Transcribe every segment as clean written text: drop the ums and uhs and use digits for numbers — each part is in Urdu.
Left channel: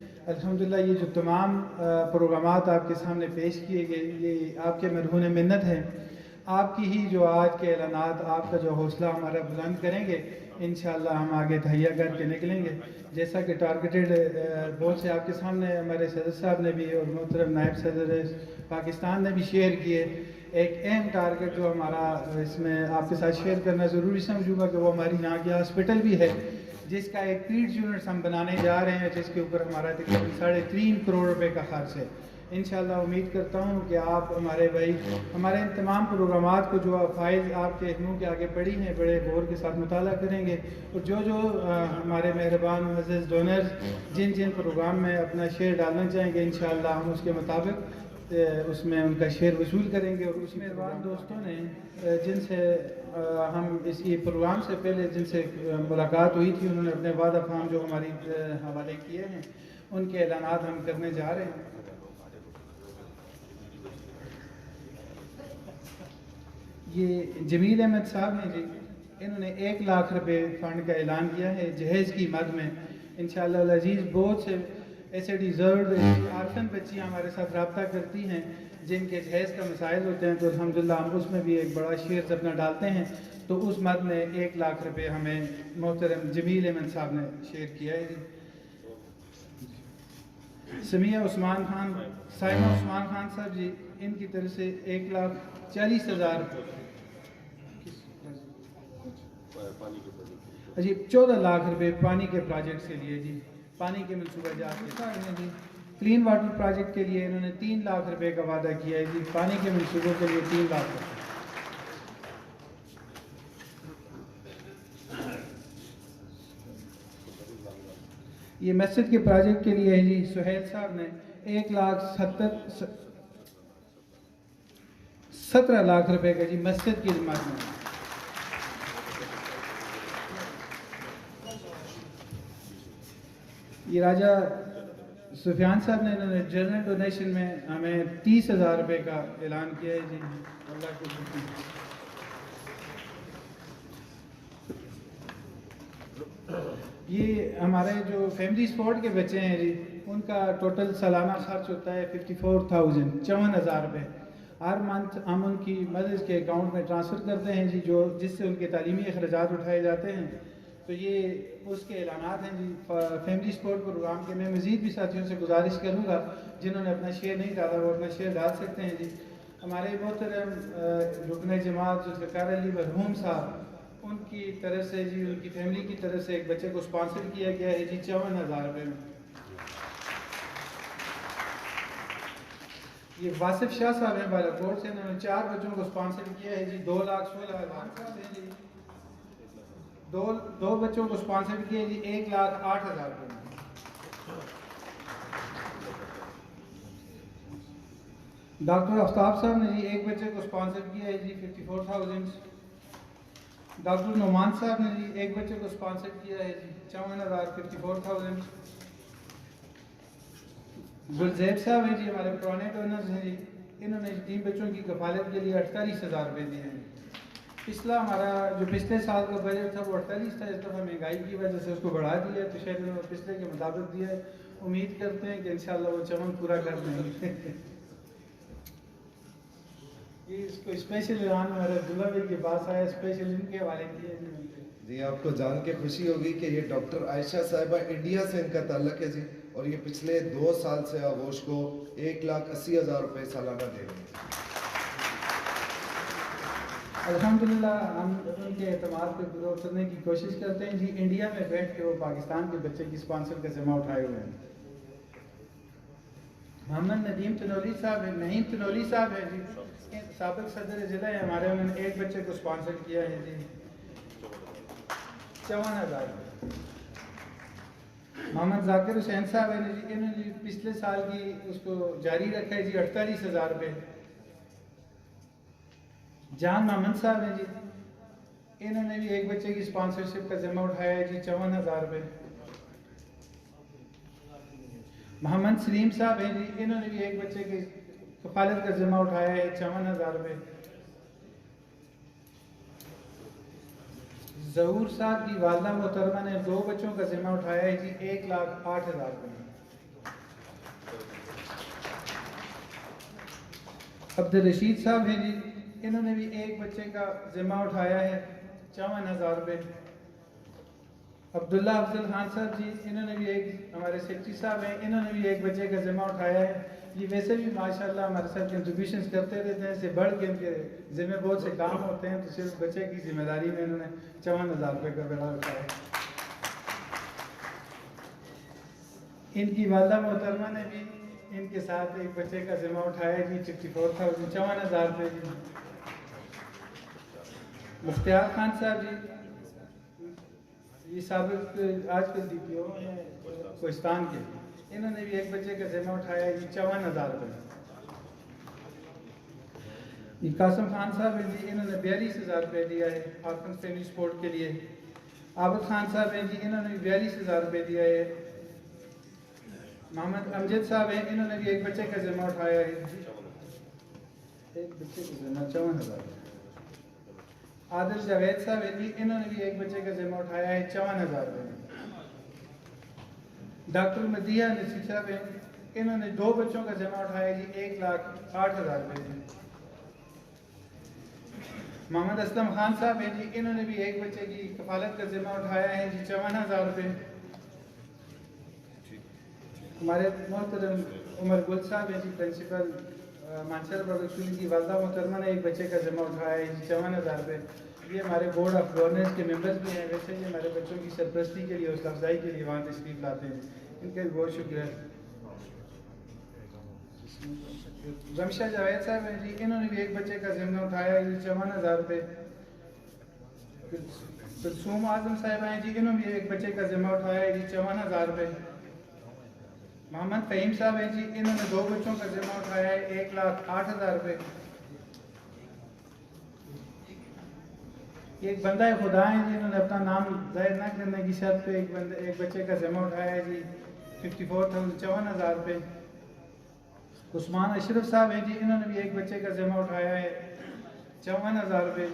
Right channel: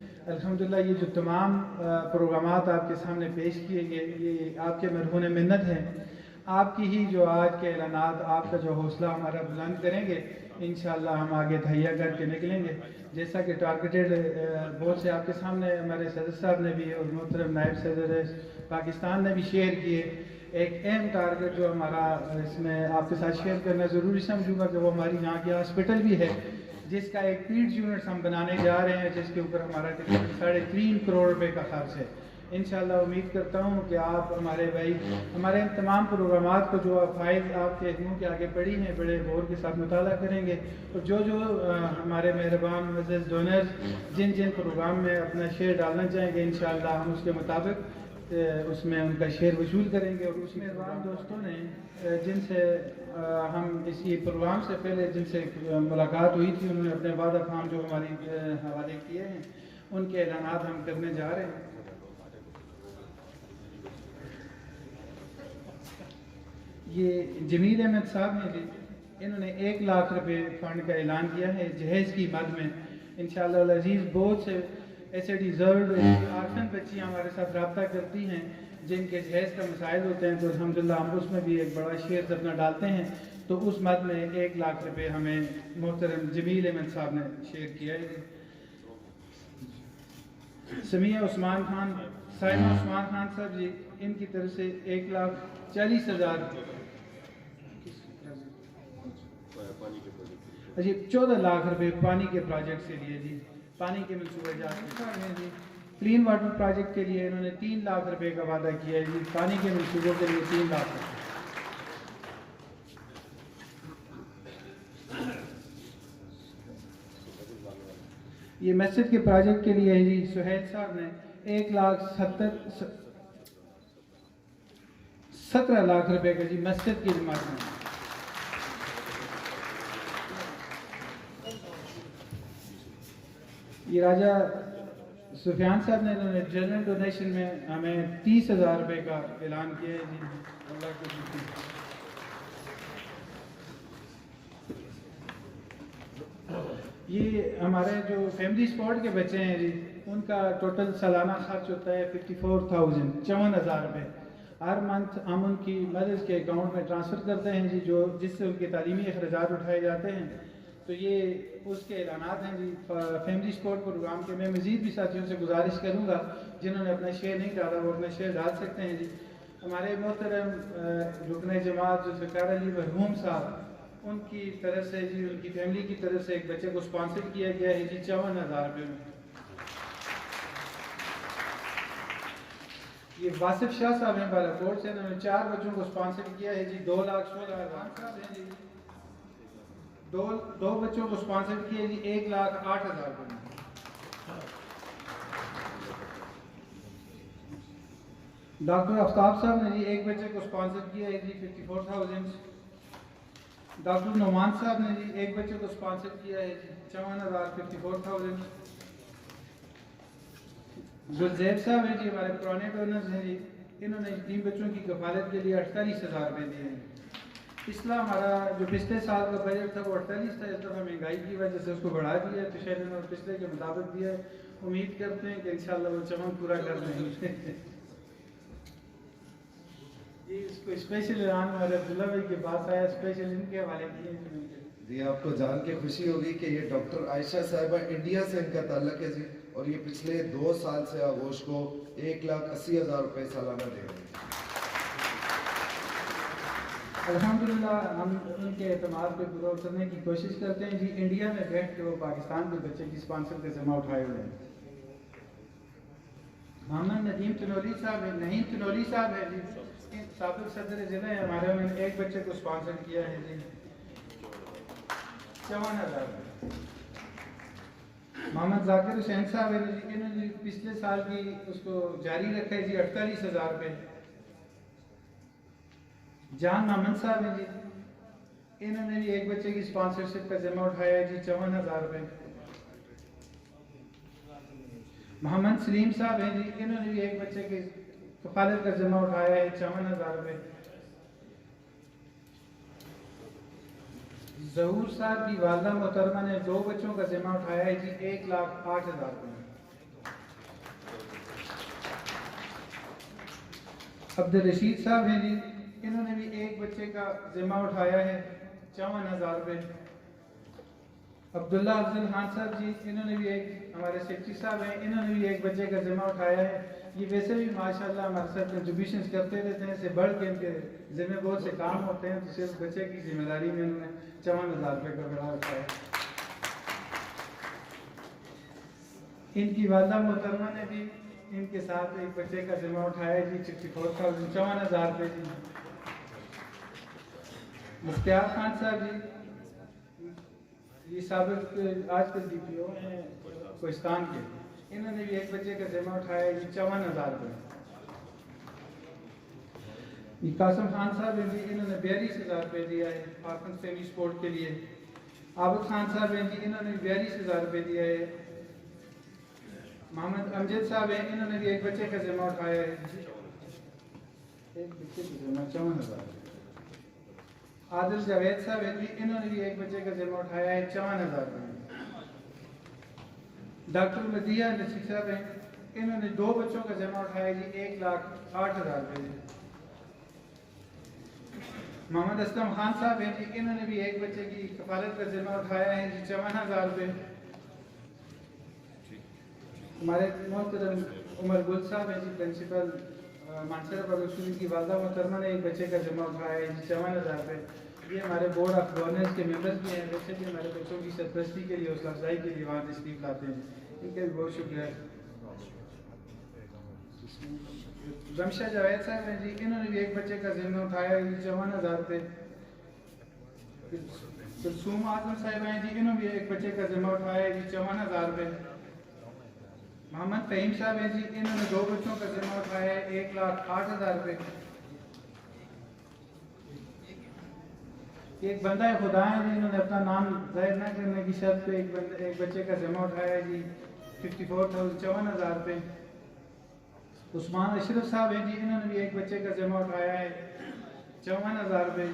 الحمدللہ یہ جو تمام پروگرامات آپ کے سامنے پیش کیے گئے یہ آپ کے مرہون منت ہیں. آپ کی ہی جو آج کے اعلانات آپ کا جو حوصلہ ہمارا بلند کریں گے انشاءاللہ ہم آگے تہیا کر کے نکلیں گے. جیسا کہ ٹارگیٹڈ بہت سے آپ کے سامنے ہمارے صدر صاحب نے بھی اور محترم نائب صدر پاکستان نے بھی شیئر کیے. ایک اہم ٹارگیٹ جو ہمارا اس میں آپ کے ساتھ شیئر کرنا ضروری سمجھوں گا کہ وہ ہماری یہاں کی ہاسپٹل بھی ہے جس کا ایک پیڈ یونٹس ہم بنانے جا رہے ہیں جس کے اوپر ہمارا تقریباً 3.5 کروڑ روپے کا خرچ ہے. انشاءاللہ امید کرتا ہوں کہ آپ ہمارے بھائی ہمارے ان تمام پروگرامات کو جو فائل آپ کے منہ کے آگے پڑھی ہیں بڑے غور کے ساتھ مطالعہ کریں گے اور جو ہمارے مہربان معزز ڈونرز جن پروگرام میں اپنا شیئر ڈالنا چاہیں گے انشاءاللہ ہم اس کے مطابق اس میں ان کا شیئر وصول کریں گے. اور اس مہربان دوستوں نے جن سے ہم اسی پروگرام سے پہلے جن سے ملاقات ہوئی تھی انہوں نے اپنے وعدہ فام جو ہماری حوالے کیے ہیں ان کے اعلانات ہم کرنے جا رہے ہیں. یہ جمیل احمد صاحب ہیں جی, انہوں نے 1 لاکھ روپے فنڈ کا اعلان کیا ہے جہیز کی مد میں. انشاءاللہ العزیز بہت سے ایسے ڈیزرڈ آرفن بچیاں ہمارے ساتھ رابطہ کرتی ہیں جن کے جہیز کا مسائل ہوتے ہیں تو الحمدللہ ہم اس میں بھی ایک بڑا شیئر اپنا ڈالتے ہیں. تو اس مد میں 1 لاکھ روپے ہمیں محترم جمیل احمد صاحب نے شیئر کیا ہے. سمیہ عثمان خان سائمہ عثمان خان صاحب جی ان کی طرف سے 1,40,000 جی 14 لاکھ روپے پانی کے پروجیکٹ کے لیے جی پانی کے منصوبہ جات کے جی کلین واٹر پروجیکٹ کے لیے انہوں نے 3 لاکھ روپے کا وعدہ کیا ہے جی. پانی کے منصوبوں کے لیے 3 لاکھ روپے. یہ مسجد کے پروجیکٹ کے لیے جی سہیل صاحب نے 17 لاکھ روپے کا جی مسجد کی ذمہ میں. یہ راجہ سفیان صاحب نے انہوں نے جنرل ڈونیشن میں ہمیں 30,000 روپے کا اعلان کیا ہے جی. اللہ کو یہ ہمارے جو فیملی سپورٹ کے بچے ہیں جی ان کا ٹوٹل سالانہ خرچ ہوتا ہے 54,000 روپے. ہر منتھ ہم ان کی مدد کے اکاؤنٹ میں ٹرانسفر کرتے ہیں جی جس سے ان کے تعلیمی اخراجات اٹھائے جاتے ہیں. تو یہ اس کے اعلانات ہیں جی فیملی سپورٹ پروگرام کے. میں مزید بھی ساتھیوں سے گزارش کروں گا جنہوں نے اپنا شیئر نہیں ڈالا وہ اپنا شیئر ڈال سکتے ہیں جی. ہمارے محترم رکن جماعت ذوالفقار علی مرحوم صاحب ان کی طرف سے جی ان کی فیملی کی طرف سے ایک بچے کو سپانسر کیا گیا ہے جی 54,000 روپے میں. یہ واصف شاہ صاحب ہیں بالاکوٹ سے انہوں نے 4 بچوں کو سپانسر کیا ہے جی 2,16,000 ہیں جی. دو بچوں کو سپانسر کیا جی 1,08,000 روپے میں. ڈاکٹر آفتاب صاحب نے جی ایک بچے کو سپانسر کیا ہے جی 54,000. ڈاکٹر نعمان صاحب نے جی ایک بچے کو سپانسر کیا ہے جی 54,000. گلزیب صاحب ہیں جی ہمارے پرانے ڈونرز ہیں جی انہوں نے 3 بچوں کی کفالت کے لیے 48,000 روپے دیے ہیں. پچھلا ہمارا جو پچھلے سال کا بجٹ تھا وہ 48 تھا. اس دفعہ مہنگائی کی وجہ سے اس کو بڑھا دیا ہے تو شاید انہوں نے پچھلے کے مطابق دیا ہے. امید کرتے ہیں کہ انشاءاللہ وہ چمن پورا کر دیں گے. یہ اس کو اسپیشل اعلان ہمارے عبداللہ بھائی کے پاس آیا اسپیشل ان کے حوالے کیے جی. آپ کو جان کے خوشی ہوگی کہ یہ ڈاکٹر عائشہ صاحبہ انڈیا سے ان کا تعلق ہے جی اور یہ پچھلے 2 سال سے آغوش کو 1,80,000 روپے سالانہ دے رہے ہیں. الحمدللہ ہم ان کے اعتماد پہ پورا اترنے کی کوشش کرتے ہیں جی. انڈیا میں بیٹھ کے وہ پاکستان کے بچے کی سپانسر کا ذمہ اٹھائے ہوئے ہیں. محمد ندیم تنولی صاحب ہے نعیم تنولی صاحب ہے جی سابق صدر ضلع ہے ہمارے. انہوں نے ایک بچے کو سپانسر کیا ہے جی 54,000 روپے. محمد ذاکر حسین صاحب ہے جی انہوں نے پچھلے سال کی اس کو جاری رکھا ہے جی 48,000 روپے. جان محمد صاحب ہیں جی انہوں نے بھی ایک بچے کی سپانسرشپ کا ذمہ اٹھایا ہے جی 54,000 روپے. محمد سلیم صاحب ہیں جی انہوں نے بھی ایک بچے کی کفالت کا ذمہ اٹھایا ہے 54,000 روپے. ظہور صاحب کی والدہ محترمہ نے 2 بچوں کا ذمہ اٹھایا ہے جی 1,08,000 روپے. عبدالرشید صاحب ہیں جی، انہوں نے بھی ایک بچے کا ذمہ اٹھایا ہے 54,000 روپے۔ عبداللہ افضل خان صاحب جی، انہوں نے بھی ایک، ہمارے سیکٹری صاحب ہیں، انہوں نے بھی ایک بچے کا ذمہ اٹھایا ہے۔ یہ ویسے بھی ماشاءاللہ ہمارے ساتھ کنٹریبیوشنز کرتے رہتے ہیں، اس سے بڑھ کے ان کے ذمہ بہت سے کام ہوتے ہیں، تو صرف بچے کی ذمہ داری میں انہوں نے 54,000 روپے کا بڑا اٹھایا ہے۔ ان کی والدہ محترمہ نے بھی ان کے ساتھ ایک بچے کا ذمہ اٹھایا ہے جی 54,000 54,000 روپے جی۔ مختار خان صاحب جی، یہ سابق آج کل ڈی پی او ہیں کوہستان کے، انہوں نے بھی ایک بچے کا ذمہ اٹھایا ہے جی 54,000 روپے۔ یہ قاسم خان صاحب ہیں جی، انہوں نے 42,000 روپے دیا ہے آرفنز فیملی سپورٹ کے لیے۔ عابد خان صاحب ہیں جی، انہوں نے 42,000 روپے دیا ہے۔ محمد امجد صاحب ہیں، انہوں نے بھی ایک بچے کا ذمہ اٹھایا ہے، ایک بچے کا ذمہ 54,000 روپے۔ عادل جاوید صاحب ہیں جی، انہوں نے بھی ایک بچے کا ذمہ اٹھایا ہے 54,000 روپے۔ ڈاکٹر مدیہ نصیر صاحب ہیں، انہوں نے 2 بچوں کا ذمہ اٹھایا ہے جی 1,08,000 روپے جی۔ محمد اسلم خان صاحب ہیں جی، انہوں نے بھی ایک بچے کی کفالت کا ذمہ اٹھایا ہے جی 54,000 روپے۔ ہمارے محترم عمر گل صاحب ہیں جی، پرنسپل مانچر پبلک اسکول کی والدہ محترمہ نے ایک بچے کا ذمہ اٹھایا ہے جی 54,000 روپے۔ یہ ہمارے بورڈ آف گورننس کے ممبرز بھی ہیں، ویسے بھی ہمارے بچوں کی سرپرستی کے لیے، حوصلہ افزائی کے لیے وہاں تشریف لاتے ہیں، ان کا بھی بہت شکریہ۔ رمشہ جاوید صاحب ہیں جی، انہوں نے بھی ایک بچے کا ذمہ اٹھایا ہے جی 54,000 روپے۔ کلثوم اعظم صاحب ہیں جی، انہوں نے بھی ایک بچے کا ذمہ اٹھایا ہے جی 54,000 روپے۔ محمد فہیم صاحب ہیں جی، انہوں نے 2 بچوں کا ذمہ اٹھایا ہے 1,08,000 روپے۔ ایک بندہ خدا ہیں جی، انہوں نے اپنا نام ظاہر نہ کرنے کی شرط پہ ایک بچے کا ذمہ اٹھایا ہے جی 54,000 روپے۔ عثمان اشرف صاحب ہیں جی، انہوں نے بھی ایک بچے کا ذمہ اٹھایا ہے 54,000 روپے۔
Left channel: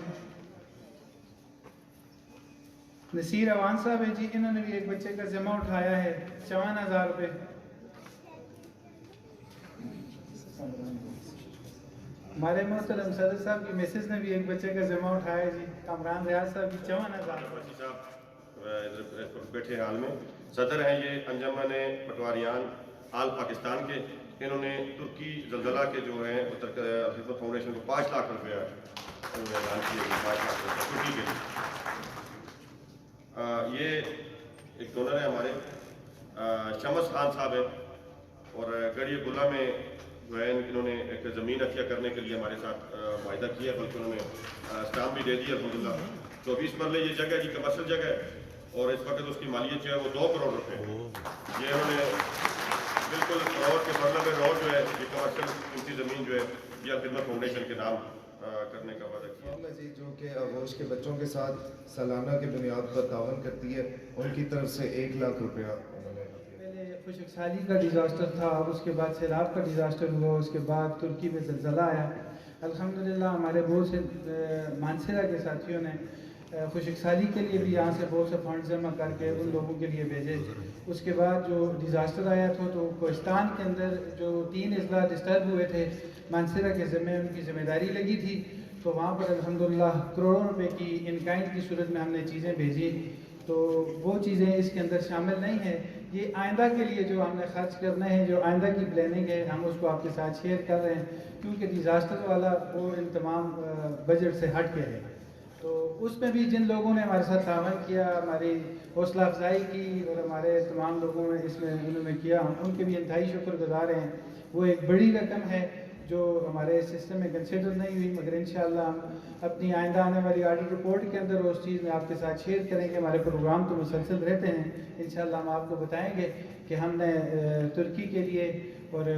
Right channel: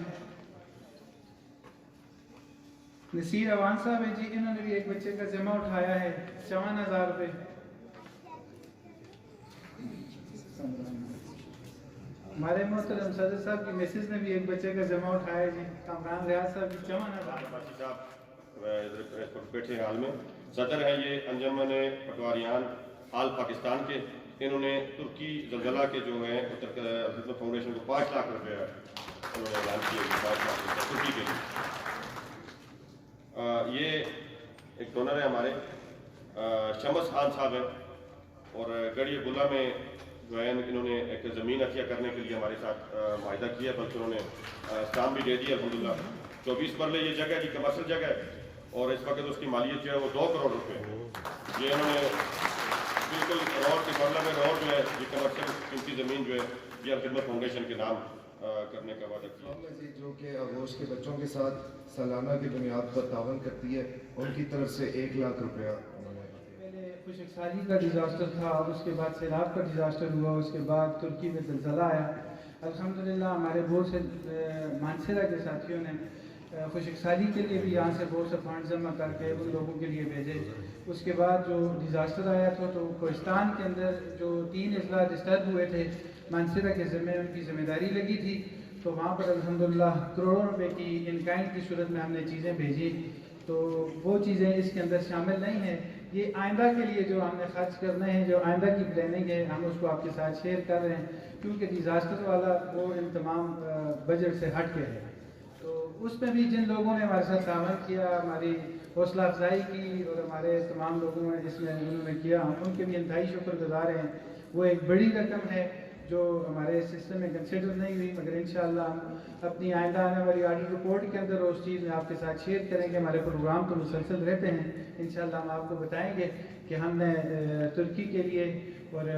نصیر اوان صاحب ہیں جی، انہوں نے بھی ایک بچے کا ذمہ اٹھایا ہے 54,000 روپے۔ ہمارے محترم صدر صاحب کی میسز نے بھی ایک بچے کا ذمہ اٹھایا ہے جی کامران ریاض صاحب کی 54,000 بیٹھے حال میں صدر ہیں یہ انجمن پٹواریان حال پاکستان کے، انہوں نے ترکی زلزلہ کے جو ہیں خدمت فاؤنڈیشن کو 5 لاکھ روپے انہوں نے اعلان کیے 5 لاکھ روپے ترکی کے لیے۔ یہ ایک ڈونر ہے ہمارے شمس خان صاحب ہیں، اور گڑھی گلہ میں جو ہے انہوں نے ایک زمین عطیہ کرنے کے لیے ہمارے ساتھ معاہدہ کیا، بلکہ انہوں نے اسٹامپ بھی دے دیا الحمدللہ۔ 24 مرلے یہ جگہ ہے جی، کمرشل جگہ ہے، اور اس وقت اس کی مالیت جو ہے وہ 2 کروڑ روپے ہے۔ یہ انہوں نے بالکل روڈ کے مرلہ میں روڈ جو ہے یہ کمرشل قیمتی زمین جو ہے یہ خدمت فاؤنڈیشن کے نام کرنے کا وعدہ کیا جی، جو کہ آغوش کے بچوں کے ساتھ سالانہ کی بنیاد پر تعاون کرتی ہے، ان کی طرف سے 1 لاکھ روپیہ انہوں نے۔ پہلے خشک سالی کا ڈیزاسٹر تھا، اب اس کے بعد سیلاب کا ڈیزاسٹر ہوا، اس کے بعد ترکی میں زلزلہ آیا۔ الحمدللہ ہمارے بہت سے مانسرہ کے ساتھیوں نے خشک سالی کے لیے بھی یہاں سے بہت سے فنڈ جمع کر کے ان لوگوں کے لیے بھیجے۔ اس کے بعد جو ڈیزاسٹر آیا تھا تو کوہستان کے اندر جو 3 اضلاع ڈسٹرب ہوئے تھے مانسرہ کے ذمہ ان کی ذمہ داری لگی تھی، تو وہاں پر الحمدللہ کروڑوں روپے کی ان کائنڈ کی صورت میں ہم نے چیزیں بھیجی۔ تو وہ چیزیں اس کے اندر شامل نہیں ہیں، یہ آئندہ کے لیے جو ہم نے خرچ کرنے ہیں، جو آئندہ کی پلاننگ ہے، ہم اس کو آپ کے ساتھ شیئر کر رہے ہیں، کیونکہ ڈیزاسٹر والا وہ ان تمام بجٹ سے ہٹ کے ہے۔ تو اس میں بھی جن لوگوں نے ہمارے ساتھ تعاون کیا، ہماری حوصلہ افزائی کی، اور ہمارے تمام لوگوں نے اس میں انہوں نے کیا، ہم ان کے بھی انتہائی شکر گزار ہیں۔ وہ ایک بڑی رقم ہے جو ہمارے سسٹم میں کنسیڈر نہیں ہوئی، مگر انشاءاللہ ہم اپنی آئندہ آنے والی آڈیٹ رپورٹ کے اندر اس چیز میں آپ کے ساتھ شیئر کریں گے۔ ہمارے پروگرام تو مسلسل رہتے ہیں، انشاءاللہ ہم آپ کو بتائیں گے کہ ہم نے ترکی کے لیے اور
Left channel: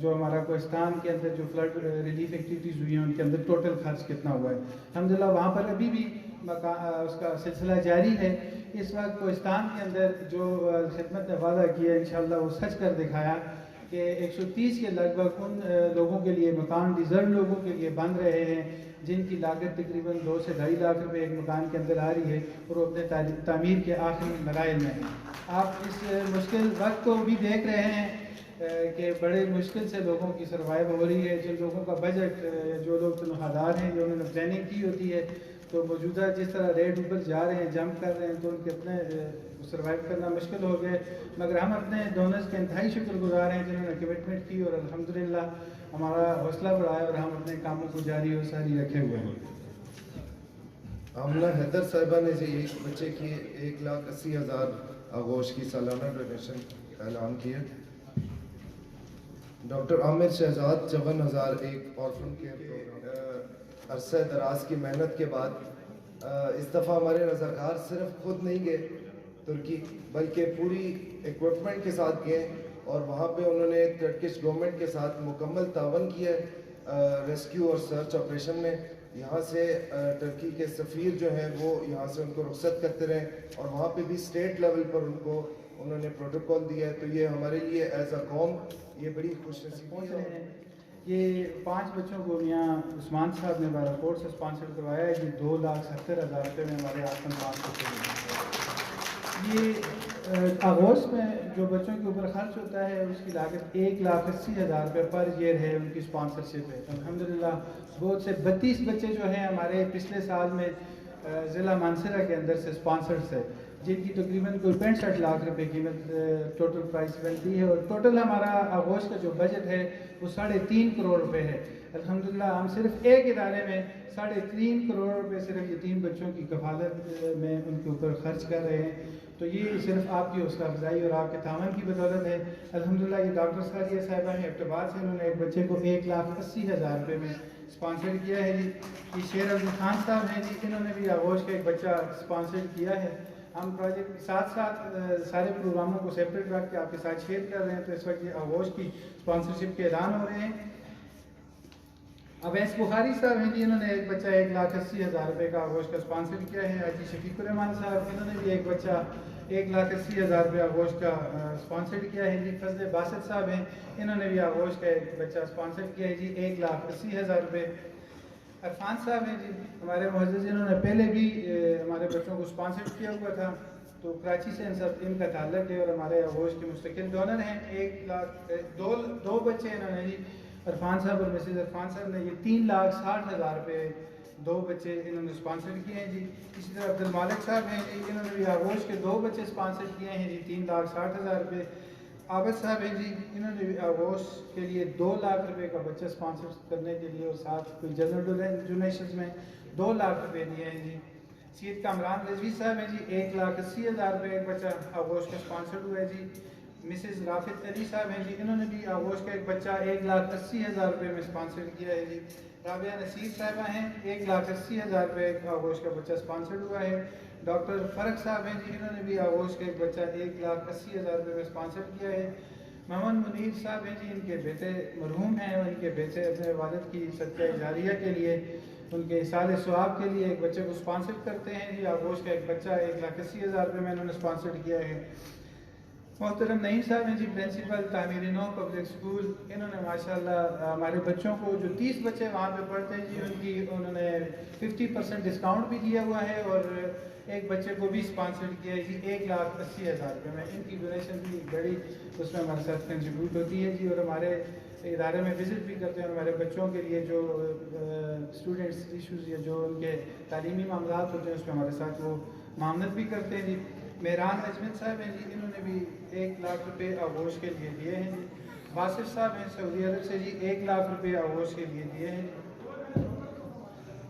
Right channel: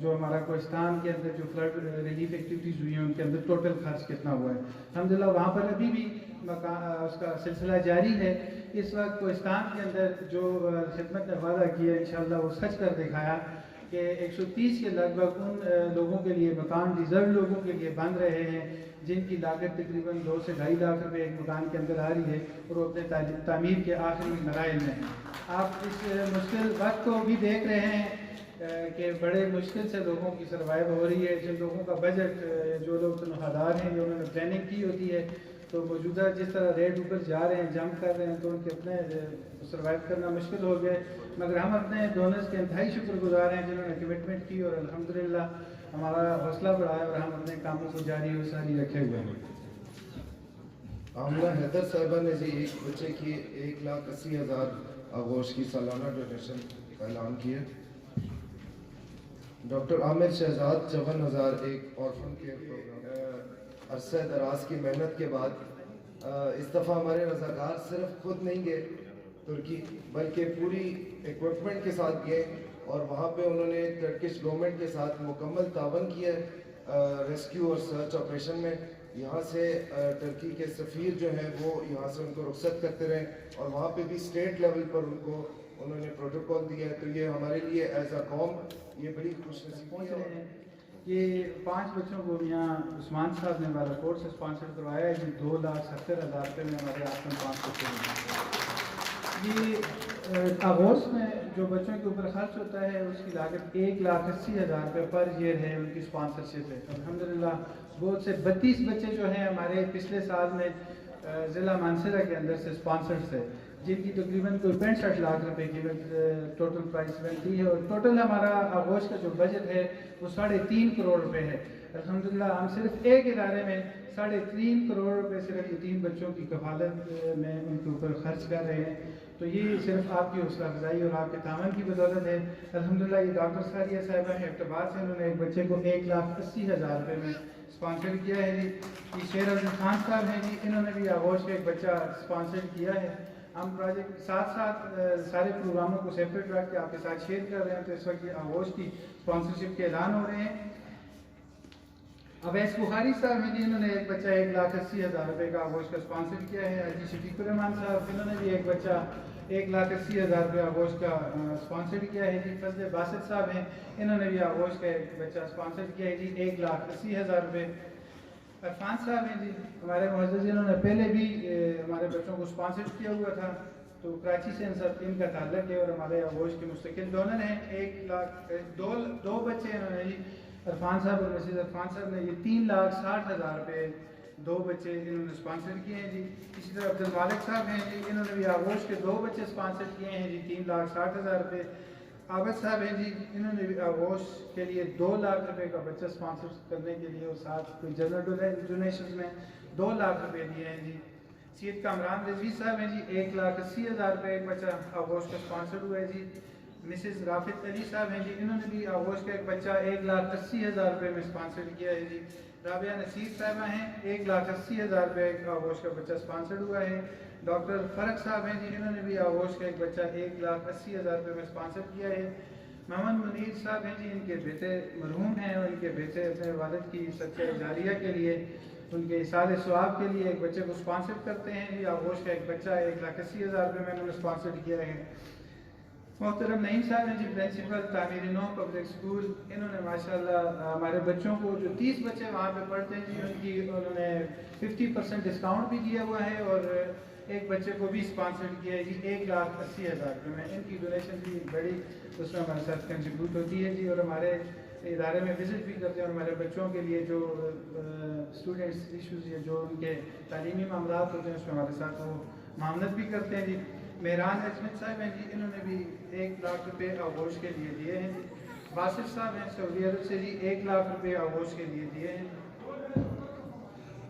جو ہمارا کوہستان کے اندر جو فلڈ ریلیف ایکٹیویٹیز ہوئی ہیں ان کے اندر ٹوٹل خرچ کتنا ہوا ہے۔ الحمدللہ وہاں پر ابھی بھی اس کا سلسلہ جاری ہے۔ اس وقت کوہستان کے اندر جو خدمت نے وعدہ کیا انشاءاللہ وہ سچ کر دکھایا کہ 130 کے لگ بھگ ان لوگوں کے لیے مکان ڈیزرو لوگوں کے لیے بن رہے ہیں جن کی لاگت تقریباً 2 سے 2.5 لاکھ روپے ایک مکان کے اندر آ رہی ہے، اور وہ اپنے تعمیر کے آخری مراحل میں ہیں۔ آپ اس مشکل وقت کو بھی دیکھ رہے ہیں، کہ بڑے مشکل سے لوگوں کی سروائیو ہو رہی ہے. جن لوگوں کا بجٹ, جو لوگ تنخواہ ہیں, جو انہوں نے پلاننگ کی ہوتی ہے, تو موجودہ جس طرح ریٹ اوپر جا رہے ہیں, جمپ کر رہے ہیں, تو ان کے اپنے سروائیو کرنا مشکل ہو گئے. مگر ہم اپنے ڈونرز کے انتہائی شکر گزار ہیں جنہوں نے کمٹمنٹ کی, اور الحمدللہ ہمارا حوصلہ بڑھایا اور ہم اپنے کاموں کو جاری و ساری رکھے ہوئے ہیں. آمنہ حیدر صاحبہ نے جی ایک بچے کی 1,80,000 آغوش کی سالانہ ڈونیشن اعلان کی ہے. ڈاکٹر عامر شہزاد 54,000 ایک آرفن کیئر پروگرام. عرصہ دراز کی محنت کے بعد اس دفعہ ہمارے رضاکار صرف خود نہیں گئے ترکی, بلکہ پوری ایکوپمنٹ کے ساتھ گئے, اور وہاں پہ انہوں نے ٹرکش گورنمنٹ کے ساتھ مکمل تعاون کیا ریسکیو اور سرچ آپریشن میں. یہاں سے ٹرکی کے سفیر جو ہیں وہ یہاں سے ان کو رخصت کرتے رہے, اور وہاں پہ بھی اسٹیٹ لیول پر ان کو انہوں نے پروٹوکول دیا ہے. تو یہ ہمارے لیے ایز اے قوم یہ بڑی خوش نصیبی ہے. یہ 5 بچوں کو یہاں عثمان صاحب نے بارکوٹ سے اسپانسر کروایا ہے. یہ 2,70,000 روپے میں ہمارے آسن 5 بچے. یہ آغوش میں جو بچوں کے اوپر خرچ ہوتا ہے اس کی لاگت 1,80,000 روپے پر ایئر ہے ان کی اسپانسرشپ ہے. الحمدللہ بہت سے 32 بچے جو ہیں ہمارے پچھلے سال میں ضلع مانسہرہ کے اندر سے اسپانسرڈ ہے, جن کی تقریباً کوئی 65 لاکھ روپے کی ٹوٹل پرائز بنتی ہے. اور ٹوٹل ہمارا آغوش کا جو بجٹ ہے وہ 3.5 کروڑ روپے ہے. الحمدللہ ہم صرف ایک ادارے میں 3.5 کروڑ روپے صرف یتیم بچوں کی کفالت میں ان کے اوپر خرچ کر رہے ہیں. تو یہ صرف آپ کی حوصلہ افزائی اور آپ کے تعاون کی بدولت ہے. الحمدللہ یہ ڈاکٹر ساریہ صاحبہ ہیں اقتباس سے, انہوں نے ایک بچے کو 1,80,000 روپے میں اسپانسر کیا ہے جی. یہ شیر عبد خان صاحب ہیں جی, انہوں نے بھی آغوش کا ایک بچہ اسپانسر کیا ہے. ہم پروجیکٹ کے ساتھ ساتھ سارے پروگراموں کو سیپریٹ رکھ کے آپ کے ساتھ شیئر کر رہے ہیں. تو اس وقت یہ آغوش کی اسپانسرشپ کے اعلان ہو رہے ہیں. اویس بخاری صاحب ہیں جی, انہوں نے ایک بچہ 1,80,000 روپے کا آغوش کا اسپانسر کیا ہے. حاجی شفیق الرحمان صاحب, انہوں نے بھی ایک بچہ 1,80,000 روپے آغوش کا اسپانسر کیا ہے جی. فضل باسط صاحب ہیں, انہوں نے بھی آغوش کا ایک بچہ اسپانسر کیا ہے جی 1,80,000 روپے. عرفان صاحب ہیں جی, ہمارے معزز, انہوں نے پہلے بھی ہمارے بچوں کو اسپانسر کیا ہوا تھا, تو کراچی سے ان کا تعلق ہے اور ہمارے آغوش کے مستقل ڈونر ہیں. 2 بچے انہوں نے جی, عرفان صاحب اور مسز عرفان صاحب نے یہ 3,60,000 روپے 2 بچے انہوں نے اسپانسر کیے ہیں جی. اسی طرح عبد المالک صاحب ہیں جی, انہوں نے بھی آغوش کے 2 بچے اسپانسر کیے ہیں جی 3,60,000 روپے. عابد صاحب ہیں جی, انہوں نے بھی آغوش کے لیے 2 لاکھ روپے کا بچہ اسپانسر کرنے کے لیے اور ساتھ کوئی جنرل ڈونیشنز میں 2 لاکھ روپے دیے ہیں جی. سید کامران رضوی صاحب ہیں جی, 1,80,000 روپے ایک بچہ آغوش کا اسپانسر ہوا ہے جی. مسز رافت علی صاحب ہیں جی, انہوں نے بھی آغوش کا ایک بچہ 1,80,000 روپے میں اسپانسر کیا ہے جی. رابعہ نصیر صاحبہ ہیں, 1,80,000 روپے آغوش کا بچہ اسپانسر ہوا ہے. ڈاکٹر فرق صاحب ہیں جی, انہوں نے بھی آغوش کا ایک بچہ 1,80,000 روپے میں اسپانسر کیا ہے. محمد منیر صاحب ہیں جی, ان کے بیٹے مرحوم ہیں اور ان کے بیٹے اپنے والد کی صدقہ جاریہ کے لیے, ان کے اصال ثواب کے لیے ایک بچے کو اسپانسر کرتے ہیں جی. آغوش کا ایک بچہ 1,80,000 روپے میں انہوں نے اسپانسر کیا ہے. محترم نعیم صاحب ہیں جی, پرنسپل تعمیر نو پبلک اسکول, انہوں نے ماشاءاللہ ہمارے بچوں کو جو 30 بچے وہاں پہ پڑھتے ہیں جی, انہوں نے 50% ڈسکاؤنٹ بھی دیا ہوا ہے اور ایک بچے کو بھی اسپانسر کیا ہے جی 1,80,000 روپے میں. ان کی ڈونیشن بھی بڑی اس میں ہمارے ساتھ کنٹریبیوٹ ہوتی ہے جی, اور ہمارے ادارے میں وزٹ بھی کرتے ہیں اور ہمارے بچوں کے لیے جو اسٹوڈنٹس ایشوز یا جو ان کے تعلیمی معاملات ہوتے ہیں اس میں ہمارے ساتھ وہ معاونت بھی کرتے ہیں جی. مہران اجمت صاحب ہیں جی, انہوں نے بھی 1 لاکھ روپے آغوش کے لیے دیے ہیں جی. باسط صاحب ہیں سعودی عرب سے جی, 1 لاکھ روپے آغوش کے لیے دیے ہیں.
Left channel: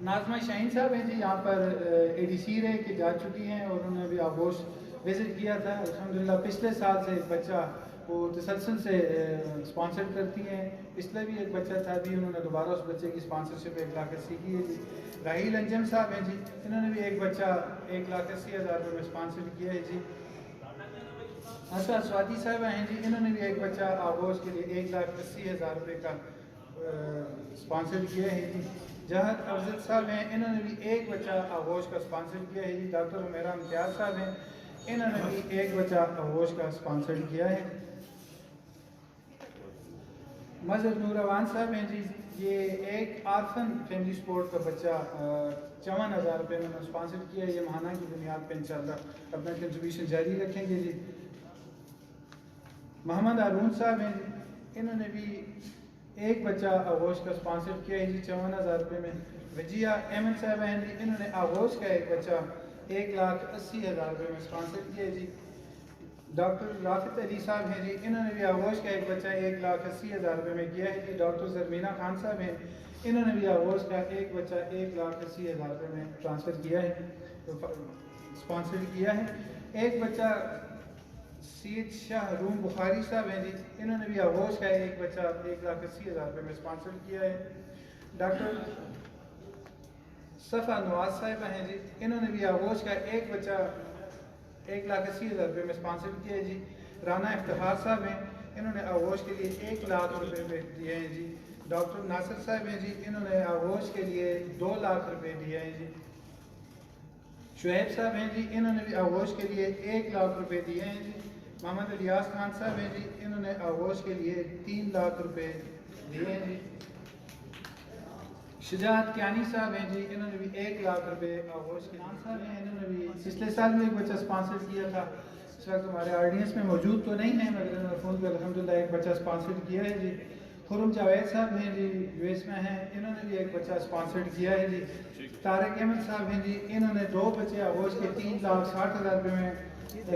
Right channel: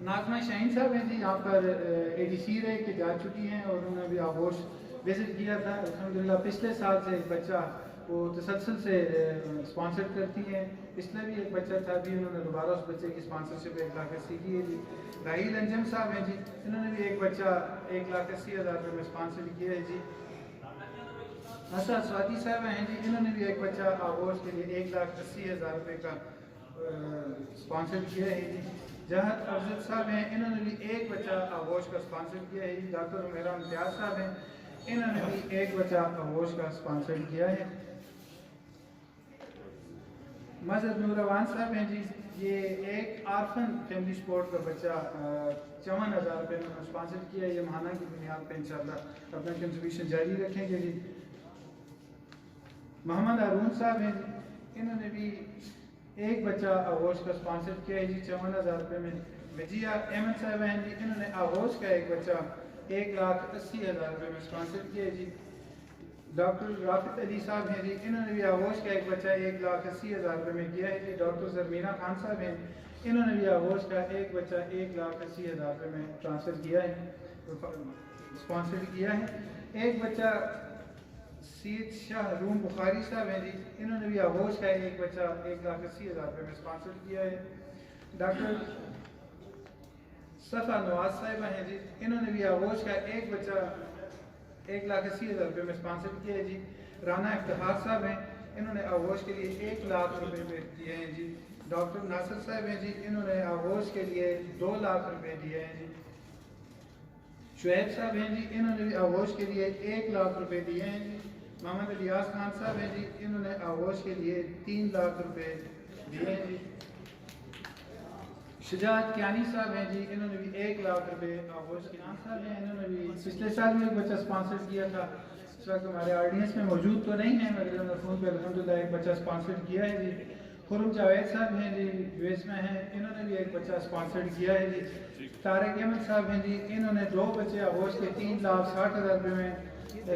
ناظمہ شاہین صاحب ہیں جی, یہاں پر ADC رہے کہ جا چکی ہیں اور انہوں نے بھی آغوش وزٹ کیا تھا. الحمدللہ پچھلے سال سے ایک بچہ وہ تسلسل سے اسپانسر کرتی ہیں. پچھلے بھی ایک بچہ تھا, بھی انہوں نے دوبارہ اس بچے کی اسپانسرشپ 1,80,000 کی ہے جی. راہیل انجم صاحب ہیں جی, انہوں نے بھی ایک بچہ 1,80,000 روپے میں اسپانسر کیا ہے جی. اسرا سوادی صاحبہ ہیں جی, انہوں نے بھی ایک بچہ آغوش کے لیے 1,80,000 روپے کا اسپانسر کیا ہے جی. جہد افضل صاحب ہیں, انہوں نے بھی ایک بچہ آغوش کا اسپانسر کیا ہے جی. ڈاکٹر عمیرہ امتیاز صاحب ہیں, انہوں نے بھی ایک بچہ آغوش کا اسپانسر کیا ہے. مذہب نوروان صاحب ہیں جی, یہ ایک آرفن فیملی سپورٹ کا بچہ 54,000 روپے میں اسپانسر کیا ہے. یہ ماہانہ کی بنیاد پہ انشاءاللہ اپنا کنٹریبیوشن جاری رکھیں گے جی. محمد ہارون صاحب ہیں جی, انہوں نے بھی ایک بچہ آغوش کا اسپانسر کیا ہے جی 54,000 روپے میں. وجیہ احمد صاحب ہیں جی, انہوں نے آغوش کا ایک بچہ 1,80,000 روپے میں اسپانسر کیا ہے جی. ڈاکٹر رافت علی صاحب ہیں جی, انہوں نے بھی آغوش کا ایک بچہ 1,80,000 روپے میں کیا ہے جی. ڈاکٹر زرمینہ خان صاحب ہیں, انہوں نے بھی آغوش کا ایک بچہ 1,80,000 روپے میں ٹرانسفر کیا ہے, اسپانسر کیا ہے. ایک بچہ سید شاہ روم بخاری صاحب ہیں جی, انہوں نے بھی آغوش کا ایک بچہ 1,80,000 روپے میں اسپانسر کیا ہے. ڈاکٹر صفا نواز صاحبہ ہیں جی, انہوں نے بھی آغوش کا ایک بچہ 1,80,000 روپے میں اسپانسر کیا ہے جی. رانا افتخار صاحب ہیں, انہوں نے آغوش کے لیے 1,00,000 روپے میں دیے ہیں جی. ڈاکٹر ناصر صاحب ہیں جی, انہوں نے آغوش کے لیے 2,00,000 روپے دیے ہیں جی. شعیب صاحب ہیں جی, انہوں نے بھی آغوش کے لیے 1,00,000 روپے دیے ہیں جی. محمد الیاس خان صاحب ہیں جی, انہوں نے آغوش کے لیے 3,00,000 روپے دیے ہیں جی. شجاعت کیانی صاحب ہیں جی, انہوں نے بھی 1,00,000 روپے آغوش کے لیے صاحب ہیں, انہوں نے بھی پچھلے سال میں ایک بچہ اسپانسر کیا تھا. اس وقت ہمارے آڈینس میں موجود تو نہیں ہیں مگر انہوں نے فون پہ الحمدللہ ایک بچہ اسپانسر کیا ہے جی. خرم جاوید صاحب ہیں جی, یو ایس میں ہیں, انہوں نے بھی ایک بچہ اسپانسر کیا ہے جی. طارق احمد صاحب ہیں جی, انہوں نے 2 بچے آغوش کے 3,60,000 روپے میں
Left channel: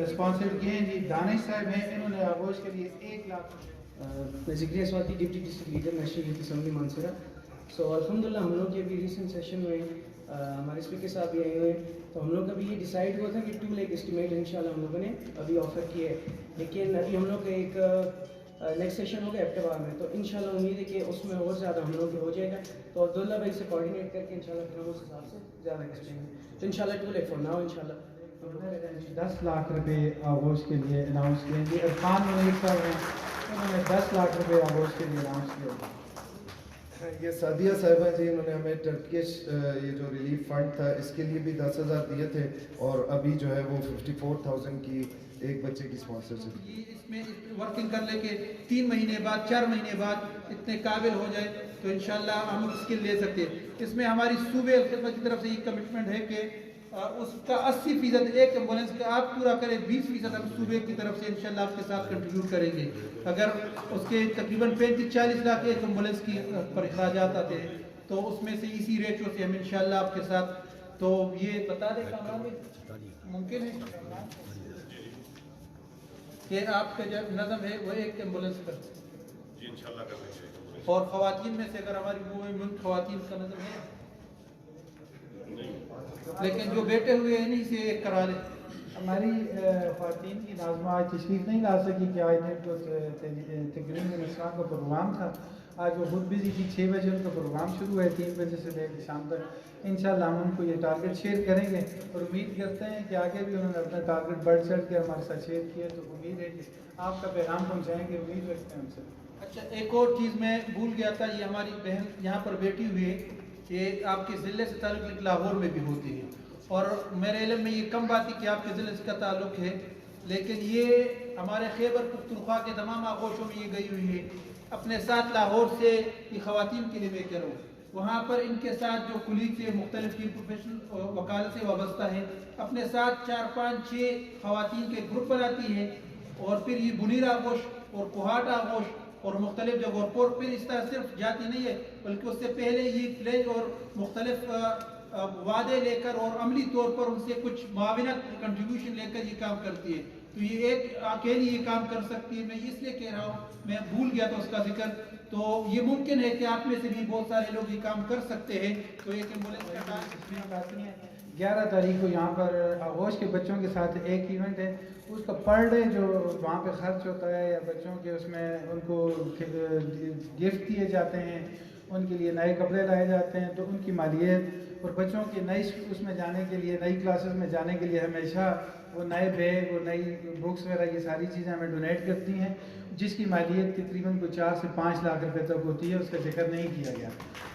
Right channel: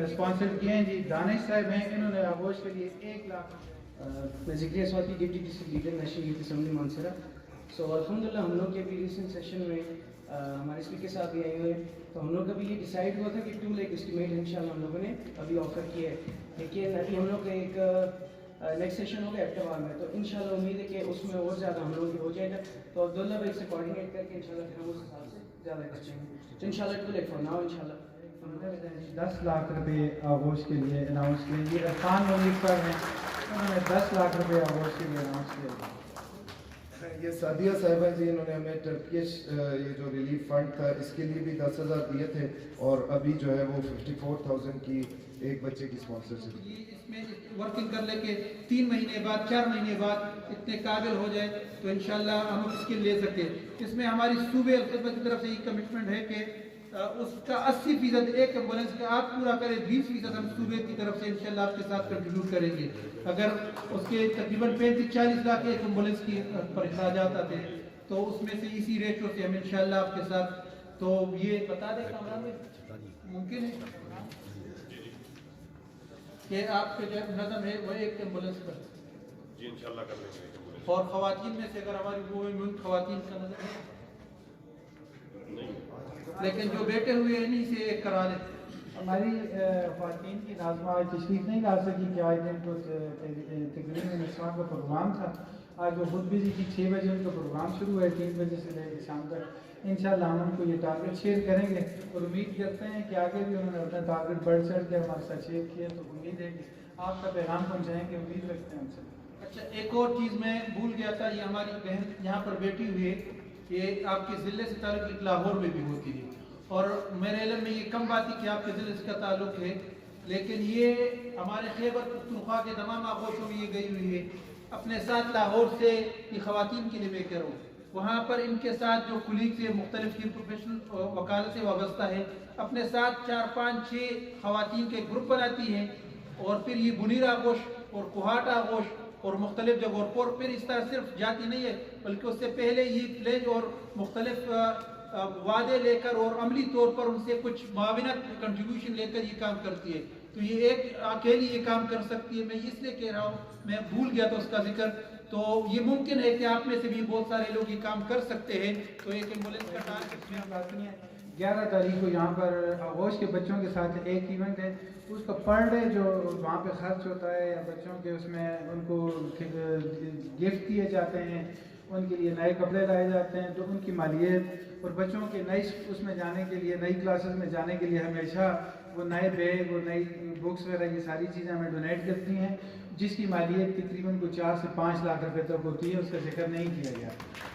اسپانسر کیے ہیں جی. دانش صاحب ہیں, انہوں نے آغوش کے لیے 1,00,000. میں Zakariya Swati deputy district leader national youth assembly Mansehra. So الحمدللہ ہم لوگ کے ابھی ریسنٹ سیشن میں ہمارے اسپیکر صاحب بھی آئے ہوئے ہیں, تو ہم لوگ ابھی یہ ڈیسائیڈ ہوا تھا کہ 2 لاکھ اسٹیمیٹ انشاءاللہ ہم لوگوں نے ابھی آفر کیا ہے. لیکن ابھی ہم لوگ کا ایک نیکسٹ سیشن ہوگا اکتوبر میں, تو انشاءاللہ امید ہے کہ اس میں اور زیادہ ہم لوگ ہو جائے گا. تو عبداللہ بھائی سے کوآرڈینیٹ کر کے انشاءاللہ پھر ہم اس حساب سے زیادہ کر لیں گے. تو انشاءاللہ 2 لاکھ فور ناؤ انشاءاللہ 10,00,000 روپے آغوش کے لیے اناؤنس کریں گے. عرفان منیب صاحب ہیں, انہوں نے 10,00,000 روپے آغوش کے لیے اناؤنس کیا. یہ سعدیہ صاحبہ جی, انہوں نے ہمیں ٹرکش یہ جو ریلیف فنڈ تھا اس کے لیے بھی 10,000 دیے تھے, اور ابھی جو ہے وہ 54,000 کی ایک بچے کی اسپانسرشپ. اس میں ورکنگ کر لے کے 3 مہینے بعد 4 مہینے بعد اتنے قابل ہو جائے تو انشاءاللہ ہم اس کے لے سکتے ہیں. اس میں ہماری صوبے الخدمت کی طرف سے یہ کمٹمنٹ ہے کہ اس کا 80% ایک ایمبولینس کا آپ پورا کریں, 20% ہم صوبے کی طرف سے انشاءاللہ آپ کے ساتھ کنٹریبیوٹ کریں گے. اگر اس کے تقریباً 35-40 لاکھ ایک ایمبولینس کی پر اخراجات آتے ہیں تو اس میں سے اسی ریشو سے ہم انشاءاللہ آپ کے ساتھ, تو یہ بتا دیں کامران میں ممکن ہے کہ آپ کا جو نظم ہے وہ ایک ایمبولینس پر جی انشاءاللہ کر لیں گے. اور خواتین میں سے اگر ہماری وہ ملک خواتین کا نظم ہے, لیکن جو بیٹے ہوئے ہیں انہیں سے ایک کرا لیں. ہماری خواتین کی ناظمہ آج تشریف نہیں لا سکی کہ آج ان کو تقریباً اسلام کا پروگرام تھا. آج وہ بہت بزی تھی, 6 بجے ان کا پروگرام شروع ہے, 3 بجے سے لے کے شام تک. انشاءاللہ ہم ان کو یہ ٹارگٹ شیئر کریں گے اور امید کرتے ہیں کہ آگے بھی انہوں نے اپنا ٹارگٹ بڑھ چڑھ کے ہمارے ساتھ شیئر کیا, تو امید ہے کہ آپ کا پیغام پہنچائیں گے, امید رکھتے ہیں ان سے. اچھا, ایک اور چیز میں بھول گیا تھا, یہ ہماری بہن یہاں پر بیٹھی ہوئی ہے, یہ آپ کے ضلع سے تعلق لاہور میں بھی ہوتی ہے, اور میرے علم میں یہ کم بات ہے کہ آپ کے ضلع سے کا تعلق ہے, لیکن یہ ہمارے خیبر پختونخوا کے تمام آغوشوں میں یہ گئی ہوئی ہے. اپنے ساتھ لاہور سے یہ خواتین کے لیے میں کہہ رہا ہوں, وہاں پر ان کے ساتھ جو کلیگ سے مختلف پروفیشنل وکالت سے وابستہ ہے, اپنے ساتھ 4-5-6 خواتین کے گروپ بناتی ہیں, اور پھر یہ بنیر آغوش اور کوہاٹ آغوش اور مختلف جگہوں پر پھر اس طرح صرف جاتی نہیں ہے بلکہ اس سے پہلے یہ پلیج اور مختلف وعدے لے کر اور عملی طور پر ان سے کچھ معاونت کنٹریبیوشن لے کر یہ کام کرتی ہے. تو یہ ایک اکیلی یہ کام کر سکتی ہے. میں اس لیے کہہ رہا ہوں, میں بھول گیا تھا اس کا ذکر, تو یہ ممکن ہے کہ آپ میں سے بھی بہت سارے لوگ یہ کام کر سکتے ہیں. تو ایک ایمبولینس کا کام آتی ہیں 11 تاریخ کو یہاں پر آغوش کے بچوں کے ساتھ ایک ایونٹ ہے, اس کا پر ڈے جو وہاں پہ خرچ ہوتا ہے یا بچوں کے اس میں ان کو گفٹ دیے جاتے ہیں, ان کے لیے نئے کپڑے لائے جاتے ہیں, تو ان کی مالیت اور بچوں کے نئی اس میں جانے کے لیے, نئی کلاسز میں جانے کے لیے ہمیشہ وہ نئے بیگ اور نئی بکس وغیرہ یہ ساری چیزیں ہمیں ڈونیٹ کرتی ہیں, جس کی مالیت تقریباً کوئی 4 سے 5 لاکھ روپے تک ہوتی ہے. اس کا ذکر نہیں کیا گیا.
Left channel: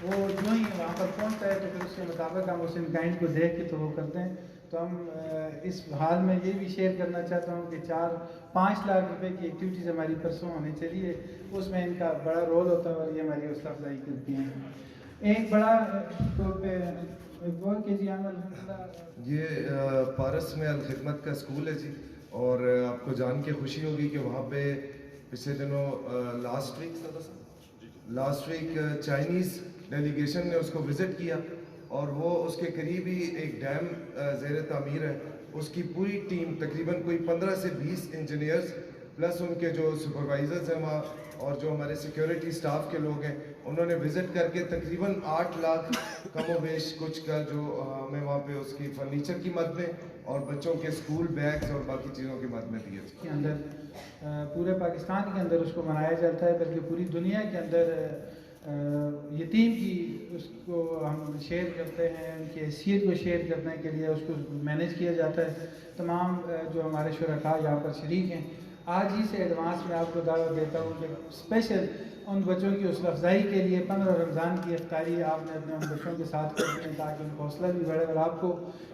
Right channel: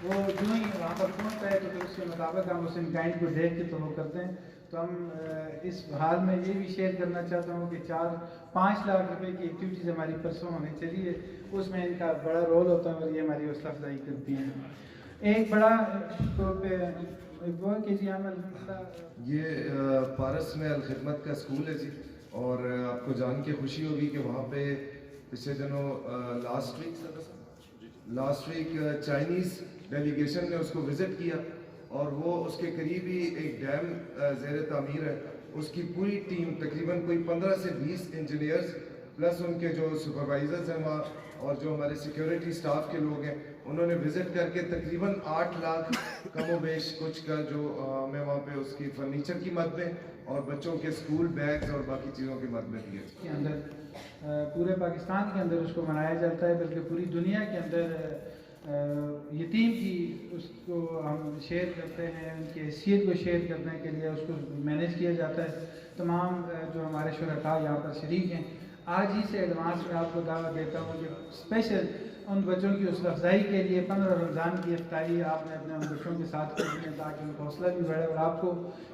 وہ جو ہی وہاں پر پہنچتا ہے تو پھر اس کے مطابق ہم اس ان کائنڈ کو دیکھ کے تو وہ کرتے ہیں. تو ہم اس حال میں یہ بھی شیئر کرنا چاہتا ہوں کہ 4-5 لاکھ روپے کی ایکٹیویٹیز ہماری پرسوں ہمیں چلی ہے, اس میں ان کا بڑا رول ہوتا ہے اور یہ ہماری حوصلہ افزائی کرتی ہیں. ایک بڑا طور پہ یہ پارس میں الخدمت کا اسکول ہے جی, اور آپ کو جان کے خوشی ہوگی کہ وہاں پہ پچھلے دنوں لاسٹ ویک چائنیز ڈیلیگیشن نے اس کو وزٹ کیا اور وہ اس کے قریب ہی ایک ڈیم زیر تعمیر ہے، اس کی پوری ٹیم تقریباً کوئی 15 سے 20 انجینئرز پلس ان کے جو سپروائزرز ہیں وہاں اور جو ہمارے سیکیورٹی سٹاف کے لوگ ہیں، انہوں نے وزٹ کر کے تقریباً 8 لاکھ کم و بیش کچھ کا جو ہمیں وہاں پہ اس کی فرنیچر کی مد میں اور بچوں کے اسکول بیگز اور باقی چیزوں کی مد میں دیے کے اندر پورے پاکستان کے اندر اس کو منایا جاتا ہے، بلکہ پوری دنیا کے اندر یتیم کی اس کو ہم شیئر کرتے ہیں، ان کی حیثیت کو شیئر کرنے کے لیے اس کو مینیج کیا جاتا ہے۔ تمام جو ہمارے شرکاء یہاں پر شریک ہیں، آج ہی سے ایڈوانس میں آپ کو دعوت دیتا ہوں کہ اسپیشل ان بچوں کی حوصلہ افزائی کے لیے 15 رمضان کی افطاری آپ نے اپنے ان بچوں کے ساتھ کرنی ہے تاکہ ان کا حوصلہ بھی بڑھے اور آپ کو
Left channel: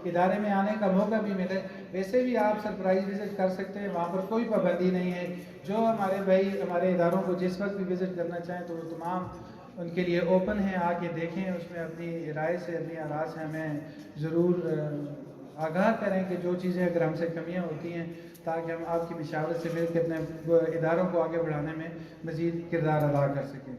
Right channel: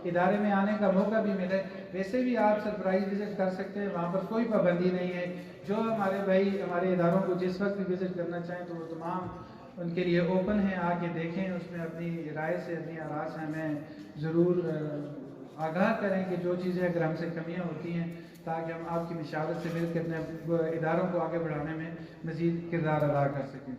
ادارے میں آنے کا موقع بھی ملے۔ ویسے بھی آپ سرپرائز وزٹ کر سکتے ہیں، وہاں پر کوئی پابندی نہیں ہے، جو ہمارے بھائی ہمارے اداروں کو جس وقت بھی وزٹ کرنا چاہیں تو وہ تمام ان کے لیے اوپن ہیں، آ کے دیکھیں، اس میں اپنی رائے سے اپنی آراء سے ہمیں ضرور آگاہ کریں کہ جو چیزیں اگر ہم سے کمیاں ہوتی ہیں تاکہ ہم آپ کی مشاورت سے مل کے اپنے اداروں کو آگے بڑھانے میں مزید کردار ادا کر سکیں۔